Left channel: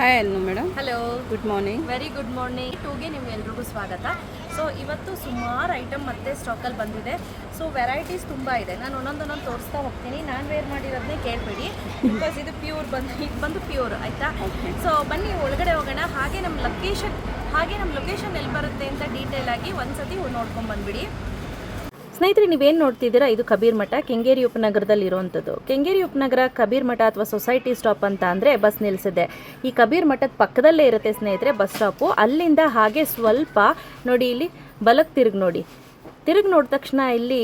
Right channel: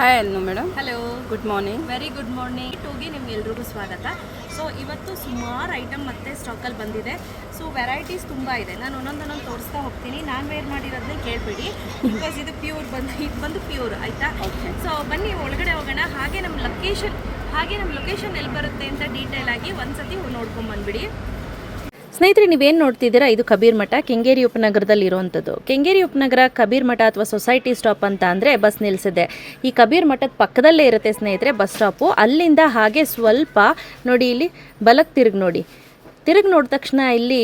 Hi ಅನ್ನು madam hello good morning very good morning ಟೂಗೆ ನಿಮ್ಗೆಲ್ರಿಗೂ ಸ್ವಾಗತ. ಸೊ ಇವತ್ತು ಸುಮಾರು ಐಟಮ್ ಮತ್ತೆ ಸ್ಟಾಕಲ್ಲಿ ಬಂದಿದೆ. ಸೊ ವೆರೈಟೀಸ್ ತುಂಬ ಇದೆ. ನಾನು ಒಂದೊಂದೊಂದೊಂದು ತೋರಿಸ್ತಾ ಹೋಗ್ತೀನಿ. ನಾನು ವೇರ್ ಮಾಡಿರೋದನ್ನೇ ಕೇಳಬೇಡಿ. ಬಿಕಾಸ್ ಇದು ಪ್ಯೂರ್ ಬಂದು ಇದು ಬಂದು ಪ್ಯೂರ್ ಆಯಿತಾ? ಸೊ ಬನ್ನಿ ಒಳಗಡೆ ಹೋಗೋಣ. ಹಾಗೆ ನಮ್ಮ ಲೊಕೇಶನ್ ಹಾಗೆ ನಮ್ಮ ಲೊಕೇಶನ್ ಎಲ್ಲಿ ಬರುತ್ತೆ ಅಂತ ಡೀಟೇಲ್ ಆಗಿ ಒಂದ್ಸತಿ ನೋಡ್ಕೊಂಡು ಬಂದ್ಬಿಡಿ. ಸ್ನೇಹಿತರೆ, ನೀವೇನು ನೋಡ್ತಿದ್ದೀರಾ? ಇದು ಕಬೀರ್ ಮಠ, ಕೆಂಗೇರಿ ಉಪನಗರದಲ್ಲಿ ಇರುವಂಥದ್ದು. ಕೆಂಗೇರಿ ಉಪನಗರ ಕಬೀರ್ ಮಠ ಅಥವಾ ಸೊಸೈಟಿ ಸ್ಟಾಪ್ ಅಂತ ಅಂದರೆ ಬಸ್ ನಿಲ್ಲಿಸಿದೆ ಈ ಕಬೀರ್ ಮಠದ ಪಕ್ಕದಲ್ಲೇ ಇರುತ್ತೆ ಸ್ನೇಹಿತರೆ, ಬಸ್ ಸ್ಟಾಪು. ಅಲ್ಲಿಂದ ಹಾಗೆ ಸ್ವಲ್ಪ ನೋಡಿ ಇಲ್ಲಿ ಬಲಕ್ಕೆ ತಿರುಗಿ ನೋಡಿ. ತಿರುಗಿ ನೋಡಿದ ತಕ್ಷಣ ಇಲ್ಲಿ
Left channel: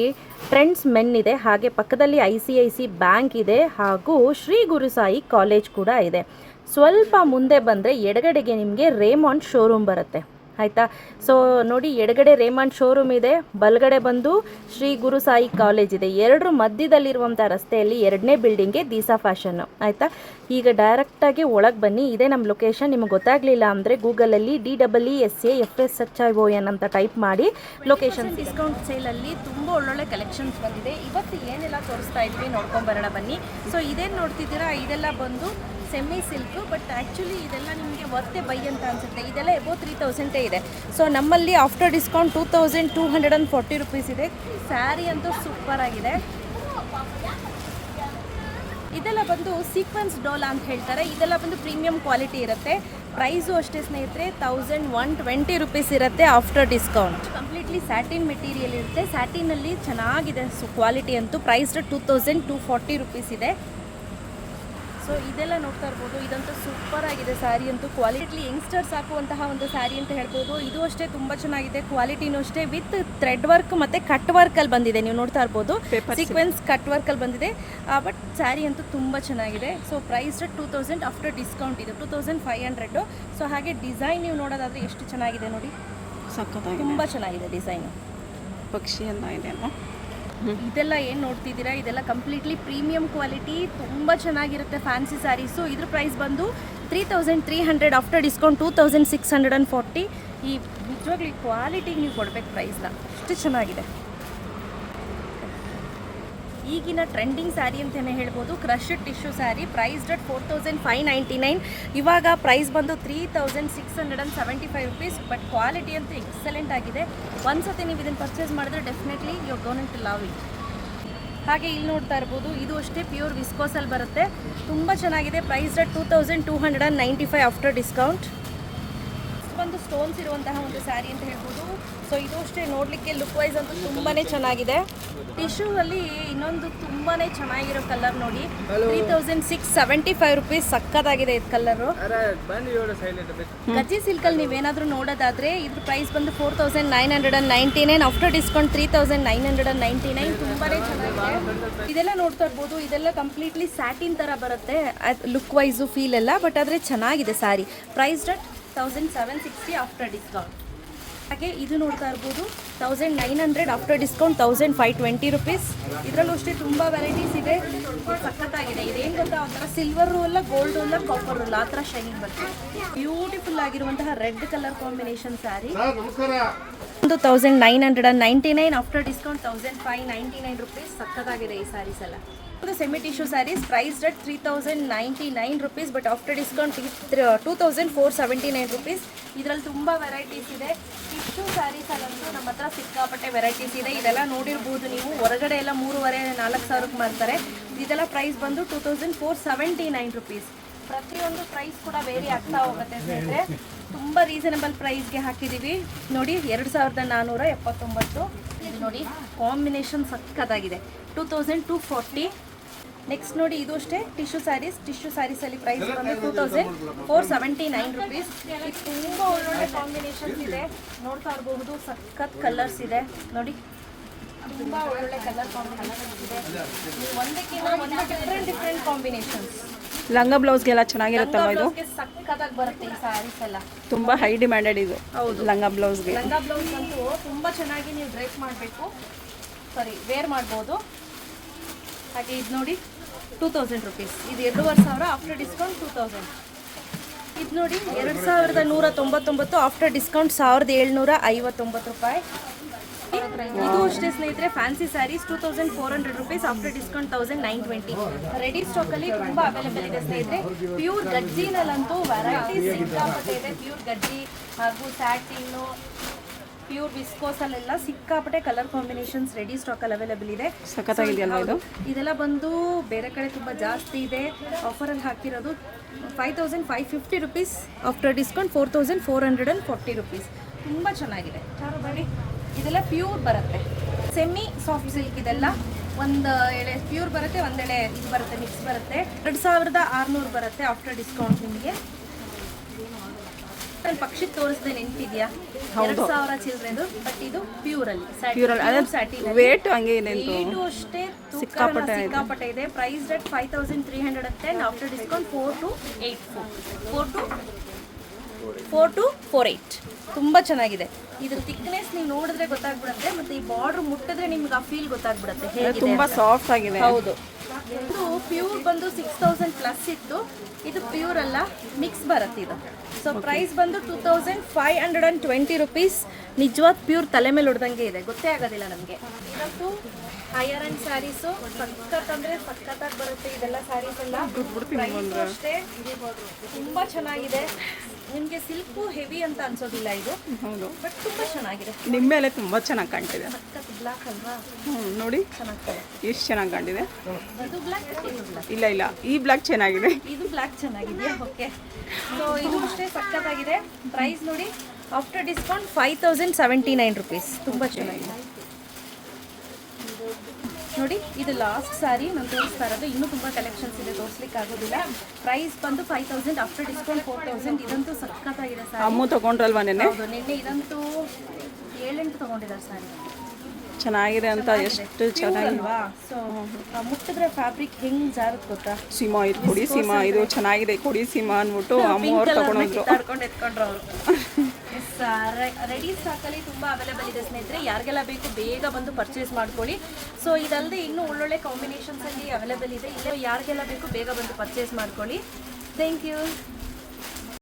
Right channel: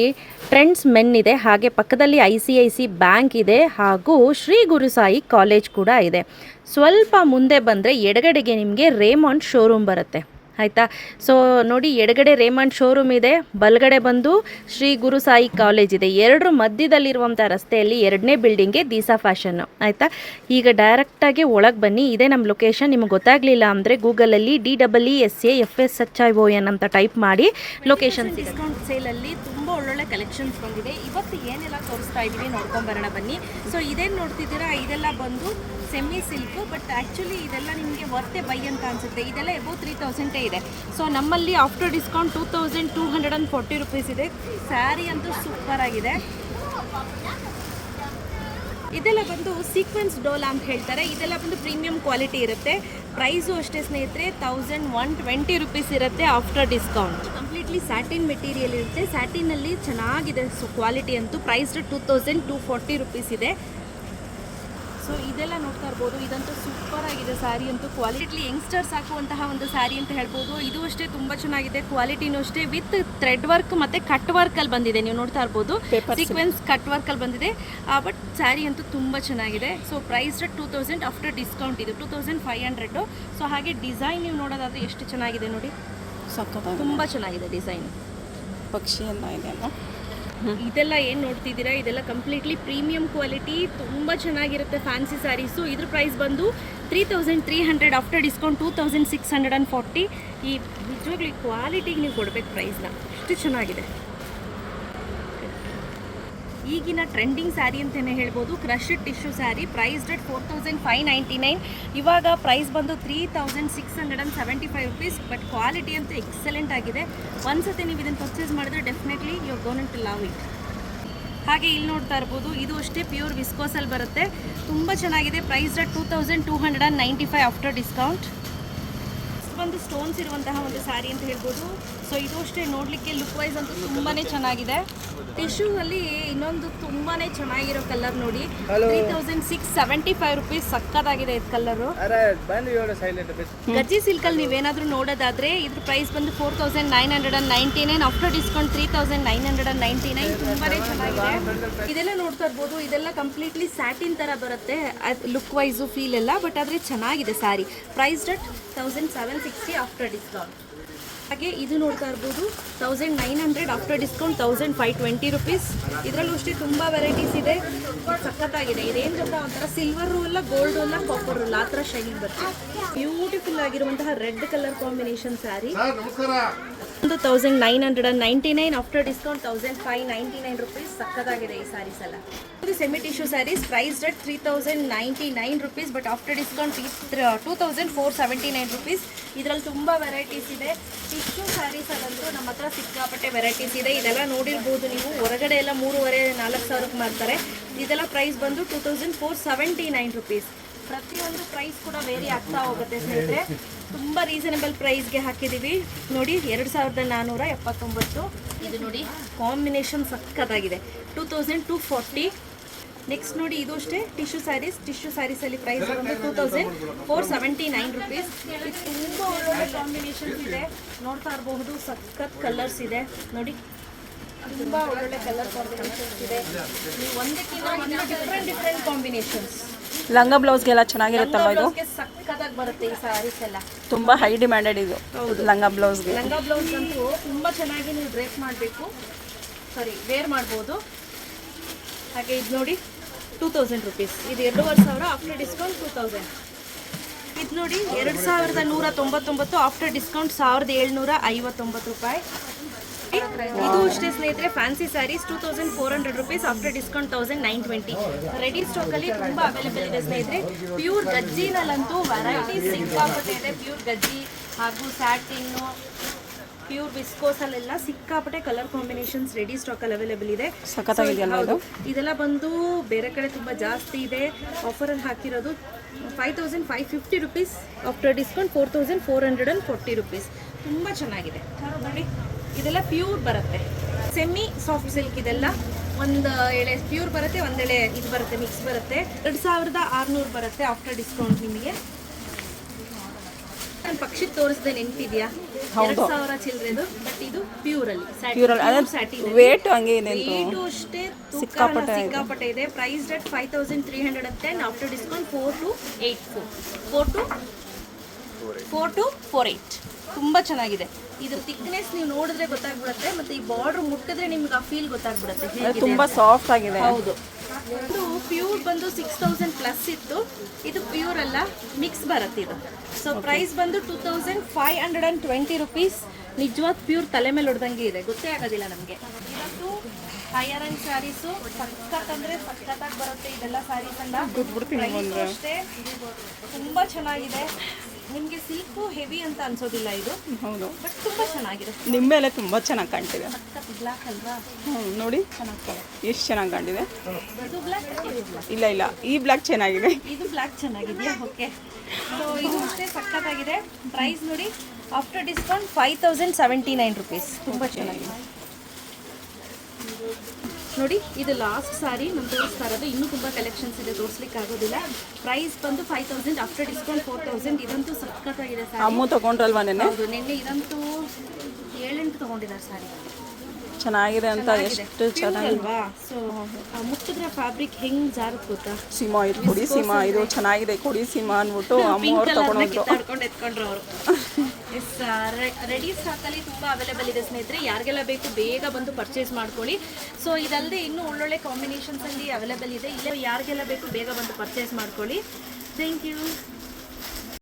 ಟ್ರೆಂಡ್ಸ್ ಮೆನ್ ಇದೆ, ಹಾಗೆ ಪಕ್ಕದಲ್ಲಿ I C I C bank ಇದೆ, ಹಾಗೂ ಶ್ರೀ ಗುರುಸಾಯಿ ಕಾಲೇಜ್ ಕೂಡ ಇದೆ. ಸ್ವಲ್ಪ ಮುಂದೆ ಬಂದರೆ ಎಡಗಡೆಗೆ ನಿಮಗೆ ರೇಮಾಂಡ್ ಶೋರೂಮ್ ಬರುತ್ತೆ. ಆಯಿತಾ? ಸೊ ನೋಡಿ, ಎಡಗಡೆ ರೇಮಂಡ್ ಶೋರೂಮ್ ಇದೆ, ಬಲಗಡೆ ಬಂದು ಶ್ರೀ ಗುರು ಸಾಯಿ ಕಾಲೇಜ್ ಇದೆ. ಎರಡರ ಮಧ್ಯದಲ್ಲಿರುವಂಥ ರಸ್ತೆಯಲ್ಲಿ ಎರಡನೇ ಬಿಲ್ಡಿಂಗ್ಗೆ ದೀಸಾ ಫ್ಯಾಷನ್ ಆಯಿತಾ? ಈಗ ಡೈರೆಕ್ಟಾಗಿ ಒಳಗೆ ಬನ್ನಿ. ಇದೇ ನಮ್ಮ ಲೊಕೇಶನ್ ನಿಮಗೆ ಗೊತ್ತಾಗಲಿಲ್ಲ ಅಂದರೆ ಗೂಗಲಲ್ಲಿ D double E S A F S H I O N ಅಂತ ಟೈಪ್ ಮಾಡಿ ಲೊಕೇಶನ್ ಡಿಸ್ಕೌಂಟ್ ಸೇಲಲ್ಲಿ ತುಂಬ ಒಳ್ಳೊಳ್ಳೆ ಕಲೆಕ್ಷನ್ಸ್ ಬಂದಿದೆ. ಇವತ್ತು ಏನೆಲ್ಲ ತೋರಿಸ್ತಾ ಇದ್ವಿ ನೋಡ್ಕೊಂಡ್ಬರೋಣ ಬನ್ನಿ. ಸೊ ಇದೇನು ನೋಡ್ತಿದ್ದೀರಾ? ಇದೆಲ್ಲ ಬಂದು ಸೆಮಿ ಸಿಲ್ಕ್ ಬಟ್ ಆ್ಯಕ್ಚುಲಿ ಇದೆಲ್ಲ ನಿಮಗೆ ವರ್ತೆ ಬೈ ಅಂತ ಅನಿಸುತ್ತೆ. ಇದೆಲ್ಲ ಎಬೋ ತ್ರೀ ತೌಸಂಡೇ ಇದೆ. ಸೊ ನಮ್ಮಲ್ಲಿ after discount two thousand two hundred and forty rupees ಇದೆ. ಸ್ಯಾರಿ ಅಂತೂ ಸೂಪರ್ ಆಗಿದೆ. ಇದೆಲ್ಲ ಬಂದು ಸೀಕ್ವೆನ್ಸ್ ಡೋಲಾ ಅಂತ ಹೇಳ್ತಾರೆ. ಇದೆಲ್ಲ ಬಂದು ಪ್ರೀಮಿಯಂ ಕ್ವಾಲಿಟಿ ಇರುತ್ತೆ. ಪ್ರೈಸು ಅಷ್ಟೇ ಸ್ನೇಹಿತರೆ ತೌಸಂಡ್ ಒನ್ ಟ್ವೆಂಟಿ ರುಪೀಸ್ ಇರುತ್ತೆ after discount completely satin material ಇರುತ್ತೆ. ಸ್ಯಾಟಿನಲ್ಲಿ ಚೆನ್ನಾಗಿದೆ ಕ್ವಾಲಿಟಿ ಅಂತೂ. Price two thousand two forty rupees ಇದೆ. ಸೊ ಇದೆಲ್ಲ ನೋಡ್ತಾ ಇರ್ಬೋದು. ಇದಂತೂ ಸೂಪರ್ ಆಗಿದೆ ಸ್ಯಾರಿ ಅಂತೂ ಕ್ವಾಲಿಟಿ ಯಂಗ್ಸ್ಟರ್ಸ್ ಹಾಕುವಂತಹ ಒಂದು ಸ್ಯಾರಿ ಅಂತ ಹೇಳ್ಬೋದು. ಇದು ಅಷ್ಟೇ ತುಂಬ ಚೆನ್ನಾಗಿದೆ. ಕ್ವಾಲಿಟಿನೂ ಅಷ್ಟೇ ವಿತ್ ಥ್ರೆಡ್ ವರ್ಕ್ ಮತ್ತು ಕಟ್ ವರ್ಕಲ್ಲಿ ಬಂದಿದೆ. ನೀವು ನೋಡ್ತಾ ಇರ್ಬೋದು. ಸೀಕ್ವೆನ್ಸ್ ಕಟ್ ವರ್ಕಲ್ಲಿ ಬಂದಿದೆ. ಬಟ್ ಸ್ಯಾರಿ ಅಂತೂ ತುಂಬ ಚೆನ್ನಾಗಿದೆ. So price two thousand after discount ಇದು. Two thousand five hundred so ಹಾಗೆ ಡಿಸೈನ್ ನೀವು ನೋಡೋದಾದ್ರೆ ಎಷ್ಟು ಚೆನ್ನಾಗಿದೆ ನೋಡಿ. ಸಕ್ಕತ್ತಾಗಿ ತುಂಬ ಚೆನ್ನಾಗಿದೆ ಡಿಸೈನ್ ಪಕ್ಷಿ ಎಲ್ಲ ಇದೆ ಅಮ್ಮ ಇದೆಲ್ಲ ಏನು ನೋಡ್ತಿದ್ದೀರಾ? ಇದೆಲ್ಲ ಕಂಪ್ಲೀಟ್ಲಿ ಪ್ರೀಮಿಯಂ ಕ್ವಾಲಿಟಿ ತುಂಬ ಚೆನ್ನಾಗಿರುತ್ತೆ ಫ್ಯಾನ್ಸಿ ಸ್ಯಾರೀಸು ಇದ್ರ ಪ್ರೈಸ್ ಬಂದು three thousand three hundred after discount two thousand six hundred and forty ಈ ನಿಜವಾಗ್ಲೂ ಕ್ವಾಲಿಟಿಗೆ ನೀವು ಕೊಡ್ಬೇಕು ಪ್ರೈಸ್ನ ಅಷ್ಟು ಚೆನ್ನಾಗಿದೆ. ಈಗಿನ ಟ್ರೆಂಡಿಂಗ್ ಸ್ಯಾರಿ ಅಂತಲೇ ಹೇಳ್ಬೋದು. Crushed tissue sari price at four thousand five ninety nine ಇವಾಗ ಪ್ರೈಸ್ ಬಂದು three thousand six hundred and seventy five rupees but quality ಅಂತೂ ಎಕ್ಸಲೆಂಟ್ ಆಗಿದೆ. ಒಂದ್ಸತಿ ನೀವು ಇದನ್ನು ಪರ್ಚೇಸ್ ಮಾಡಿದ್ರೆ definitely you to love it ಹಾಗೆ ಇಲ್ಲಿ ನೋಡ್ತಾ ಇರ್ಬೋದು, ಇದು ಅಷ್ಟೇ ಪ್ಯೂರ್ ವಿಸ್ಕೋಸಲ್ಲಿ ಬರುತ್ತೆ. ತುಂಬ ಚೆನ್ನಾಗಿದೆ. Price two thousand two hundred and ninety five after discount ಒಂದು ಸ್ಟೋನ್ಸ್ ಇರುವಂತಹ ಒಂದು ಸ್ಯಾರಿ ಅಂತ ಹೇಳ್ಬೋದು. ಸೊ ಇದು ಅಷ್ಟೇ ನೋಡಲಿಕ್ಕೆ ಲುಕ್ ವೈಸ್ ಅಂತೂ ತುಂಬಾ ಚೆನ್ನಾಗಿದೆ. ಟಿಶ್ಯೂ ಅಲ್ಲಿ ಇನ್ನೊಂದು ತುಂಬಾ ಚೆನ್ನಾಗಿರೋ ಕಲರ್ ನೋಡಿ. Three thousand six seventy five rupees ಸಕ್ಕತ್ತಾಗಿದೆ ಇದು ಕಲರ್ ಗಜ್ಜಿ ಸಿಲ್ಕಲ್ಲಿ ನೀವೇನಾದರೂ ನೋಡೋದಾದ್ರೆ ಇದ್ರ ಪ್ರೈಸ್ ಬಂದು four thousand nine hundred and ninety nine after discount three thousand nine hundred and ninety nine ತುಂಬಾ ಚೆನ್ನಾಗಿದೆ. ಇದೆಲ್ಲ ನೋಡ್ತಾ ಇರ್ಬೋದು. ಇದೆಲ್ಲ ಕಂಪ್ಲೀಟ್ಲಿ ಸ್ಯಾಟಿನ್ ತರ ಬರುತ್ತೆ. ಲುಕ್ ವೈಸು ಫೀಲ್ ಎಲ್ಲ. ಬಟ್ ಆದ್ರೆ ಚೆನ್ನಾಗಿದೆ sari price that thousand seven sixty after discount ಹಾಗೆ ಇದು ನೋಡ್ತಾ ಇರ್ಬೋದು thousand nine hundred after discount thousand five twenty rupees ಇದರಲ್ಲೂ ಅಷ್ಟೇ ತುಂಬ ವೆರೈಟೀಸ್ ಇದೆ. ಸಖತ್ತಾಗಿದೆ. ಇದೇನು ಗೊತ್ತಾ? ಸಿಲ್ವರ್ ರೂಲ್ಲ ಗೋಲ್ಡ್ ರೂಲ್ಲ ಕಾಪರ್ ರೂಲ್ ಆ ಥರ ಶೈನಿಂಗ್ ಬರುತ್ತೆ. ಬ್ಯೂಟಿಫುಲ್ ಆಗಿರುವಂತಹ red colour combination sari thousand nine hundred and ninety nine after discount thousand five ninety nine rupees ಸಕ್ಕತ್ತಾಗಿದೆ ಈ ಸ್ಯಾರೀಸ್ ಎಲ್ಲ. ಇದು semi tissue saris price rate three thousand ninety nine rupees but after discount two thousand four seventy nine rupees ಇದರಲ್ಲಿ ತುಂಬ varieties ಇದೆ. Tissue saris ಅಲ್ಲಂತೂ ನಮ್ಮ ಹತ್ರ ಸಿಕ್ಕಾಪಟ್ಟೆ ವೆರೈಟೀಸ್ ಇದೆ. ಇದೆಲ್ಲ ನೋಡಿರ್ಬೋದು ನೀವು. ಹೊರಗಡೆ ಎಲ್ಲ ಮೂರುವರೆ, ನಾಲ್ಕು ಸಾವಿರಕ್ಕೆ ಮಾಡ್ತಾರೆ ಇದೆಲ್ಲ ಪ್ರೈಸ್ ಬಂದು two thousand four seventy nine rupees ಪ್ರತಿಯೊಂದು ಪ್ರೈಸ್ ಕೂಡ ವೇರಿ ಆಗ್ತಾ ಹೋಗುತ್ತೆ ಸ್ನೇಹಿತರೆ. ತುಂಬ ರೀಸನಬಲ್ ಪ್ರೈಸ್ಗೆ ಹಾಕಿದ್ದೀವಿ ನೋಡಿ, ಎರಡು ಸಾವಿರದ ನಾನ್ನೂರ ಎಪ್ಪತ್ತೊಂಬತ್ತು. ಇದು ನೋಡಿ ಕಾಂಬಿನೇಷನ್ ಸಕ್ಕತ್ತಾಗಿದೆ two thousand two forty next ನೋಡಿ, ಇದು ಅಷ್ಟೇ ಟಿಶ್ಯೂ ಸ್ಯಾರೀಸ್ ಟಿಶ್ಯೂ ಸ್ಯಾರೀಸಲ್ಲಿ ಪ್ರೈಸ್ ಬಂದು two thousand four seventy nine rupees ತುಂಬ ಒಳ್ಳೊಳ್ಳೆ ಕಾಂಬಿನೇಷನ್ಸ್ ಇದೆ. ನೋಡ್ತಾ ಇರಬಹುದು, ಸಖತ್ ಕಲರ್ಸ್ ಇದೆ. ನೋಡಿ, ತುಂಬ ಒಳ್ಳೊಳ್ಳೆ ಕಲರ್ ಕಾಂಬಿನೇಷನ್ಸ್ ಇದೆ. ಒಂದಕ್ಕಿಂತ ಒಂದು ಡಿಫ್ರೆಂಟ್ ಡಿಫ್ರೆಂಟ್ ಕಾಂಬಿನೇಷನ್ಸ್ ಲಂಗ ಬ್ಲೌಸ್ಗೆಲ್ಲ ಚೆನ್ನಾಗಿರುತ್ತಲ್ವ ಇದು? ಸಕ್ಕತ್ತಾಗಿ ಬರುತ್ತೆ ಈ ಸ್ಯಾರೀಸ್ ಎಲ್ಲ. ತುಂಬ ಹೈ ಡಿಮ್ಯಾಂಡೆಡ್ ಇದು ಲಂಗ ಬ್ಲೌಸ್ಗೆ. ಲಂಗ ಬ್ಲೌಸ್ ಅಂತೂ ತುಂಬ ಚೆನ್ನಾಗಿ ನೀವು ಡ್ರೇಪ್ ಮಾಡಬೇಕು. ಸಾರಿ ವೇರ್ ಮಾಡ್ಬೋದು. ಹಾಗೆ ಇದು ನೋಡಿ ಟೂ ತೌಸಂಡ್ ರುಪೀಸ್ ಇದು ಎರಡೂವರೆ ಸಾವಿರ ಆಫ್ಟರ್ ಡಿಸ್ಕೌಂಟ್ ಟೂ ತೌಸಂಡ್ ಇದು ನೋಡಿ ಎರಡು ಸಾವಿರದ ನೂರ ತೊಂಬತ್ತೊಂಬತ್ತು ಆಫ್ಟರ್ ಡಿಸ್ಕೌಂಟ್ ಸಾವಿರದ ಏಳ್ನೂರ ಐವತ್ತೊಂಬತ್ತು ರೂಪಾಯಿ. ಇದು ಅಷ್ಟೇ ಸ್ನೇಹಿತರೆ fancy saris two thousand four hundred rupees after discount thousand nine twenty ready stock ಅಲ್ಲಿ ತುಂಬಾ ಅವೈಲೇಬಲ್ ಇದೆ ಸ್ನೇಹಿತರೆ. ಪ್ಯೂರ್ ಗಜ್ಜಿನಲ್ಲಂತೂ ವೆರೈಟಿ ಸಿಕ್ಕಾಪಟ್ಟೆ ಇದೆ. ಪ್ಯೂರ್ ಗಜ್ಜಿ ಹಾಗೂ ಸ್ಯಾಟಿನ್ನು ಪ್ಯೂರ್ ವಿಸ್ಕೋಸ್ ಅಲ್ಲೆಲ್ಲ ಸಿಕ್ಕಾಪಟ್ಟೆ ಕಲರ್ ಕಾಂಬಿನೇಷನ್ಸ್ ರೆಡಿ ಸ್ಟಾಕ್ ಅಲ್ಲಿ ಅವೈಲೇಬಲ್ ಇದೆ. ಇದೆಲ್ಲ ಬಂದು ಬೇರೆ ಕಡೆ ತುಂಬ ಜಾಸ್ತಿ ಇದೆ. ಆಫರಲ್ಲಿ ಹಾಕಿರೋದು five thousand five fifty rupees after discount four thousand four hundred and forty rupees ತುಂಬಾ ಚೆನ್ನಾಗಿದೆ. ಇದೆಲ್ಲ ಪ್ಯೂರ್ ಬರುತ್ತೆ. ಸೆಮಿ ಸಾಫ್ಟ್ ಸಿಲ್ಕ್ ಇದೆಲ್ಲ. ಒಂದು ಎಳೆ ಪ್ಯೂರ್ ಬರುತ್ತೆ ಒಂದೆಳೆ ಇದು ಬರುತ್ತೆ ಮಿಕ್ಸ್ ಬರುತ್ತೆ. ಎರಡು ಸಾವಿರದ ಆರುನೂರು ಬರುತ್ತೆ ಆಫ್ಟರ್ ಡಿಸ್ಕೌಂಟ್ ನಿಮಗೆ. ನಾನು ಪಕ್ಷಿಗೆ ತೋರಿಸ್ದೆ ನೆನ್ಪಿದ್ಯಾ? ಎರಡು ಸಾವಿರ ಚಿಲ್ಲರೆದು ಬಟ್ ಇದು ಪ್ಯೂರ್ ಅಲ್ಲಿ. ವೇಟ್ ಹಂಗೆ ಇದೆ ಅಂತ. ಅಷ್ಟೇ ಸಿಕ್ಕಾಪಟ್ಟೆ ಇದೆ. ಸಿಕ್ಕಾಪಟ್ಟೆ ಇದೆ. Price at five thousand three hundred ten after discount four two eight four four two four two four eight ತುಂಬ ಚೆನ್ನಾಗಿದೆ. ಇದು ಥಿಕ್ನೆಸ್ ನೀವು ನೋಡಿದ್ರೆ ಗೊತ್ತಾಗ್ಬಿಡುತ್ತೆ ಮತ್ತೆ ಈ ಬಾರ್ಡರ್ ಮುಟ್ಟಿದ್ರೆ ನಿಮ್ಗೆ ಆ ಫೀಲ್ ಗೊತ್ತಾಗ್ಬಿಡುತ್ತೆ. ತುಂಬಾ ಸಾಫ್ಟ್ ಆಗಿದೆ. ಹೌದು. ಇದು ಪ್ಯೂರ್ ಬಂದು ಸಿಕ್ಸ್ ತೌಸಂಡ್ ಪ್ಲಸ್ ಇತ್ತು. ಇದು ಪ್ಯೂರ್ ಅಲ್ಲ ಮಿಕ್ಸ್ ಬರುತ್ತೆ ಇದು. ಸೊ ಪ್ರೈಸ್ ಬಂದು two thousand five hundred and twenty rupees ನಿಜವಾದ ಪ್ಯೂರ್ ತಲೆ ಮೇಲೆ ಹೊಡೆದಂಗೆ ಇದೆ. ಗೊತ್ತೇ ಆಗೋದಿಲ್ಲ ನಮಗೆ. ಇವತ್ತು ಹೈಯರ್ ಅಂಡ್ ಸ್ಯಾರೀಸು ಸಖತ್ ಅಂದರೆ ಸಖತ್ತಾಗಿ ಬರುತ್ತೆ ಇದೆಲ್ಲ ಸ್ಯಾರೀಸ್ ಎಲ್ಲ. ಅಷ್ಟೇ. ತುಂಬ ಚೆನ್ನಾಗಿದೆ. ನಿಮಗೆ ಸಿಲ್ಕು ಹೆವಿ ಅಂತ ಅನ್ಸೋದಿಲ್ಲ ಇದು? ಹೌದು. ಬಟ್ ತುಂಬ ಚೆನ್ನಾಗಿದೆ. ನಿಮ್ಮ ಮೇಲೆ ತುಂಬಾ ಚೆನ್ನಾಗಿ ಕಾಣ್ತಿದೆ. ಸಖತ್ ಬ್ಲ್ಯಾಕ್ ಅಲ್ವಾ? ಹ್ಞೂ ನೋಡಿ. ಚೆನ್ನಾಗ್ತದೆ ಎಷ್ಟು ಚೆನ್ನಾಗಿ ಕಾಣ್ತಿದೆ. ಅದು ಬ್ಲ್ಯಾಕ್ ಇಲ್ಲ ಇಲ್ಲ. ಈ ಬ್ಲ್ಯಾಕ್ ಚೆನ್ನಾಗಿದೆ. ಇದು ಬ್ಲ್ಯಾಕ್ ಚೆನ್ನಾಗಿದೆಯಾ? ಓಕೆ ಸೊ ಇದು ಅಷ್ಟೇ ಸಖತ್ತಾಗಿದೆ. ಪ್ರೈಸ್ ನೋಡಿ after discount five thousand seventy nine rupees ತುಂಬ ಚೆನ್ನಾಗಿದೆ. ನೋಡಿ ಇದು ಲಾಸ್ಟ್ ಸಾರಿ ನಾನು ತೋರಿಸ್ತಾ ಇರೋದು. ಇನ್ನೂ ತುಂಬ ಕಲೆಕ್ಷನ್ಸ್ ಇದೆ ತೋರಿಸ್ಲಿಕ್ಕೆ ಆಗೋದಿಲ್ಲ ಪ್ರೈಸ್ ಬಂದು five thousand after discount four thousand ಇದಂತೂ ಸಖತ್ತಾಗಿದೆ ಸಾರಿ ಅಮ್ಮು ತಗೊಂಡ್ರಲ್ವಾ ನೆನ್ನೆ? ಹೌದು ನಿನ್ನೆ ಇದಂತೂ ಏಳೆಂಟು ತೊಗೊಂಡಿದ್ದಾರೆ ಸಾರಿ ಚೆನ್ನಾಗಿದೆ ಅಂತ ಎಷ್ಟು ಚೆನ್ನಾಗಿಲ್ವಾ ಸೊ ಮುಟ್ಟಿದ್ರೆ ಫ್ಯಾಬ್ರಿಕ್ ಹೆಂಗ್ ಜಾರತ್ ಗೊತ್ತಾ? ಸೀಮಾ ಇದು ಕೊಡಿ ಸೀಮಾ ಇದು ಚೆನ್ನಾಗಿದೆ ಕೊಡಿ ಸೀಮಾ ಅಂದ್ಬಿಟ್ಟು ಅಮ್ಮ ಅವ್ರು ತಗೊಂಡ್ರು ಎತ್ಕೊಂಡ್ರು ಅವರು. ರೆಡಿ ಸ್ಟಾಕಲ್ಲಿ ತುಂಬ ಅವೈಲೇಬಲ್ ಇದೆ ಸ್ನೇಹಿತರೆ. ಯಾರಿಗೆಲ್ಲ ಬೇಕು ಬೇಗ ಬಂದು ಪರ್ಚೇಸ್ ಮಾಡ್ಕೊಳ್ಳಿ. ಸೊ ಇದಲ್ಲದೆ ಇನ್ನೂ ಒಳ್ಳೊಳ್ಳೆ ಕಾಂಬಿನೇಷನ್ಸಲ್ಲಿ ಅವೈಲೇಬಲ್ ಇದೆ. ಇಲ್ಲ ಯಾರಿಗೆಲ್ಲ ಬೇಕು ಬೇಗ ಬಂದು ಪರ್ಚೇಸ್ ಮಾಡ್ಕೊಳ್ಳಿ. Thank you